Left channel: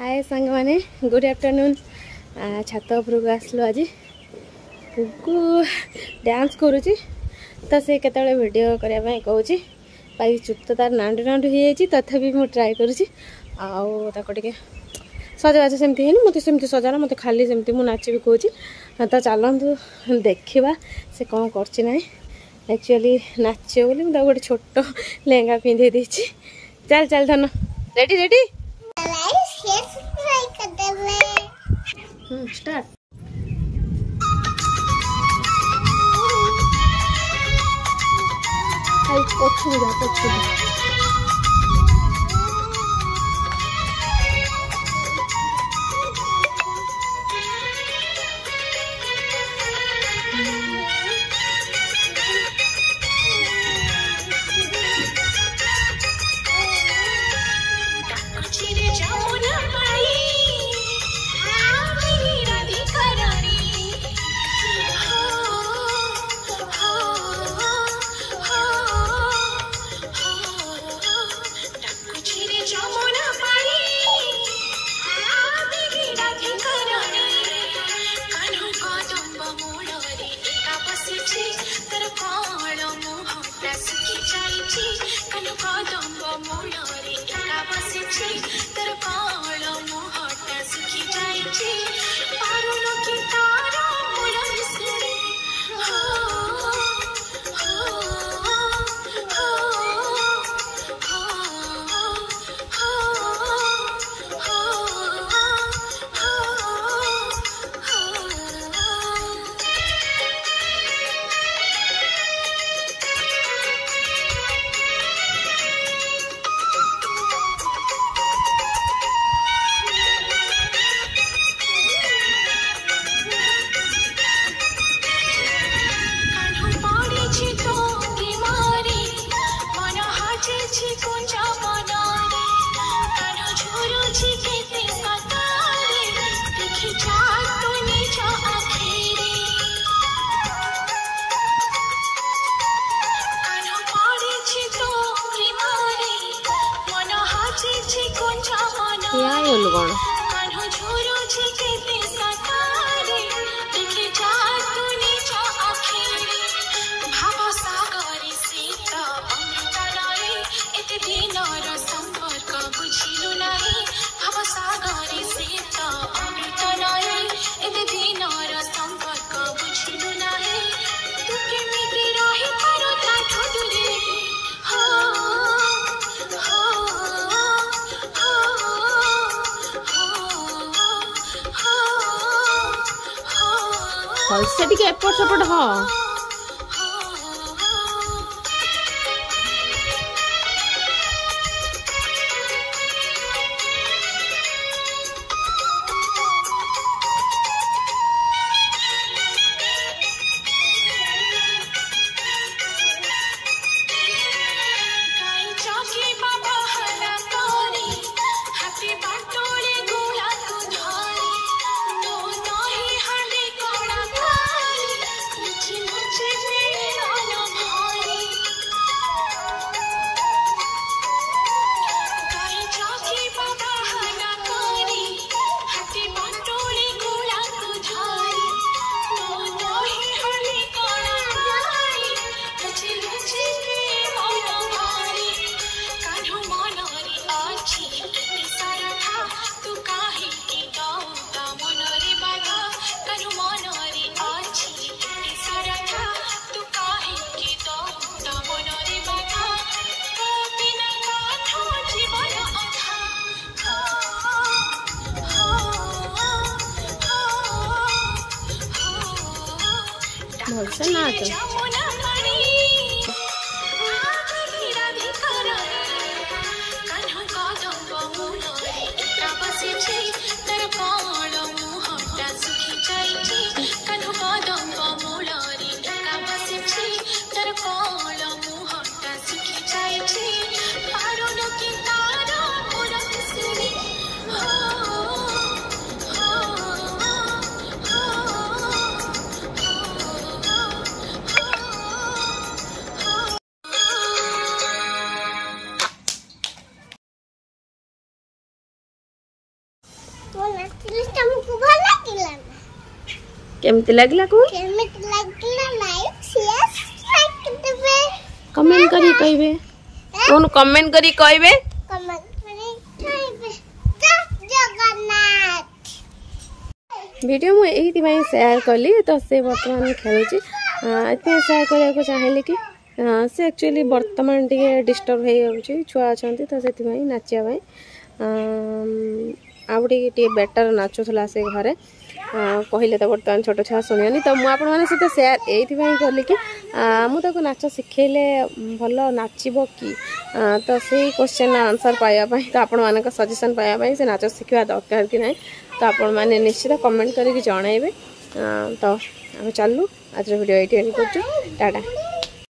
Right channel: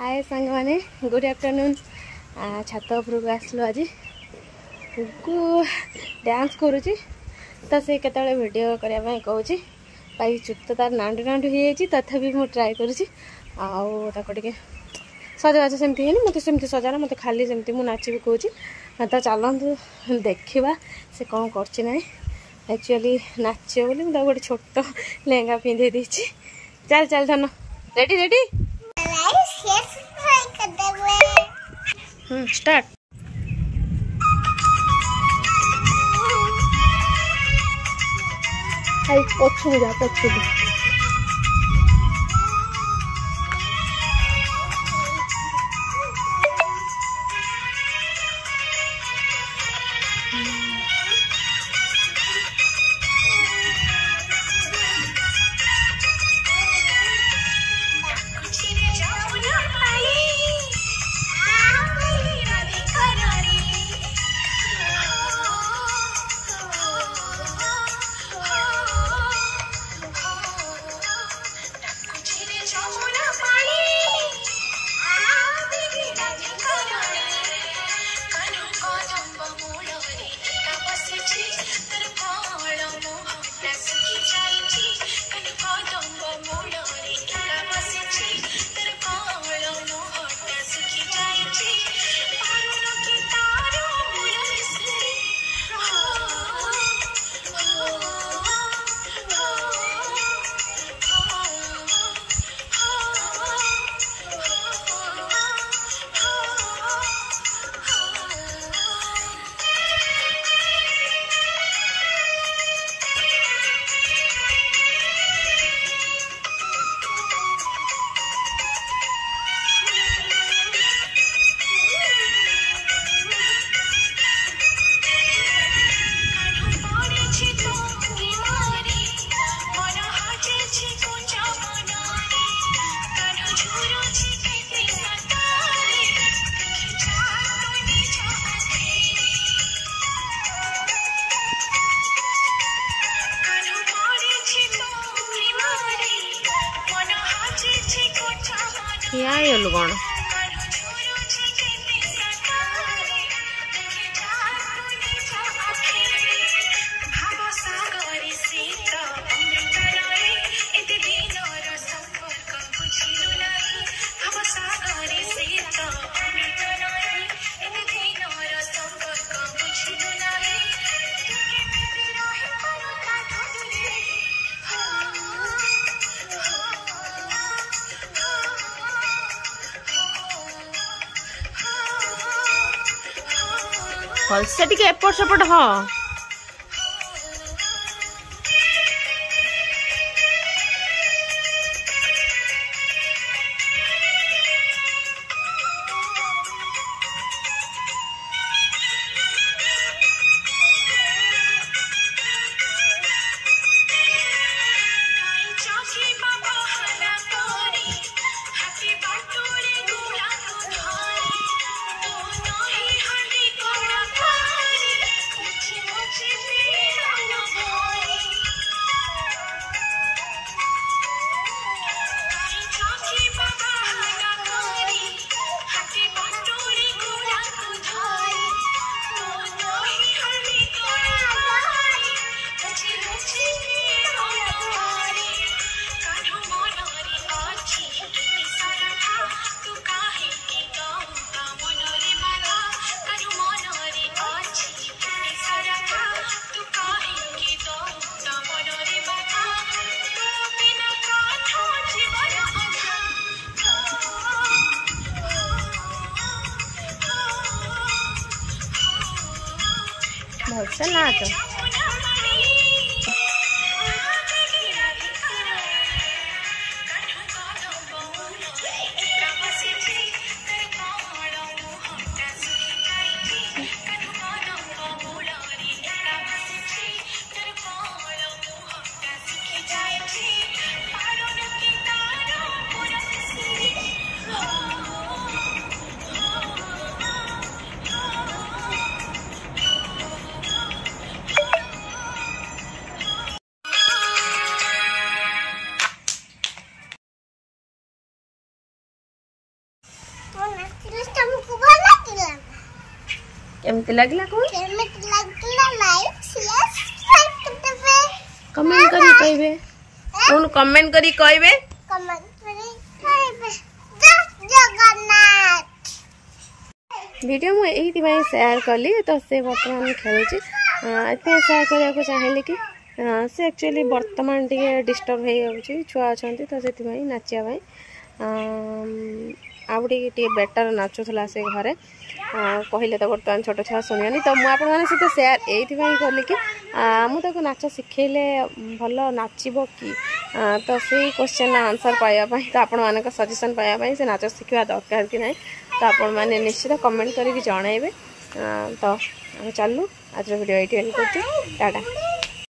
हाय सांग माने good afternoon छात उपरक आसलु आज को डांस करुच्ची तो से केतले वीडियो करने कहूँ पाई चुट तो तार नांडू नांडू हो तथापि मुझे ट्राए करुच्ची आगे सजबाज सेमती है मत सेमती सजाना मत खाली सेमती मुझे नाच भी कहूँ तो चलतु देखा से कौन कर एक्चुअली नाच बोली मुझे गोटे छोट लेहंगा पिंधे देती चल चल धन रेडी रेडी स्टार्ट पछुआ कौन भलसे टिके एपट सेपट हाँ भलसे नाच केमती लगला को कमेंट करी कहबे कौन कमेंट करी कहबे वीडियो मु एही शेयर कली तो से वर्तमान खेलुची इतने शेयर करने को चाहेली कि से एक्चुअली वर्तमान टे डिस्टर्ब हो जाऊँगी छुआ अच्छा तो से नाचा आउटे बेटर नाचुला से घरे कहले तो बर्तमान छोट छुआ शुणियानी तो मुझे सहित सेयार ये कली कि मुझे नाच शिखेले भल नाचब कि तो से क्वेश्चन आंसर पाइबापी तो आपण मान सजेसन पाइबापी से नाच शिखा दरकार कि ना तो आपण मैंने निश्चित कमेंट करके जनइबे तो चलू आज वीडियो ये टाटा।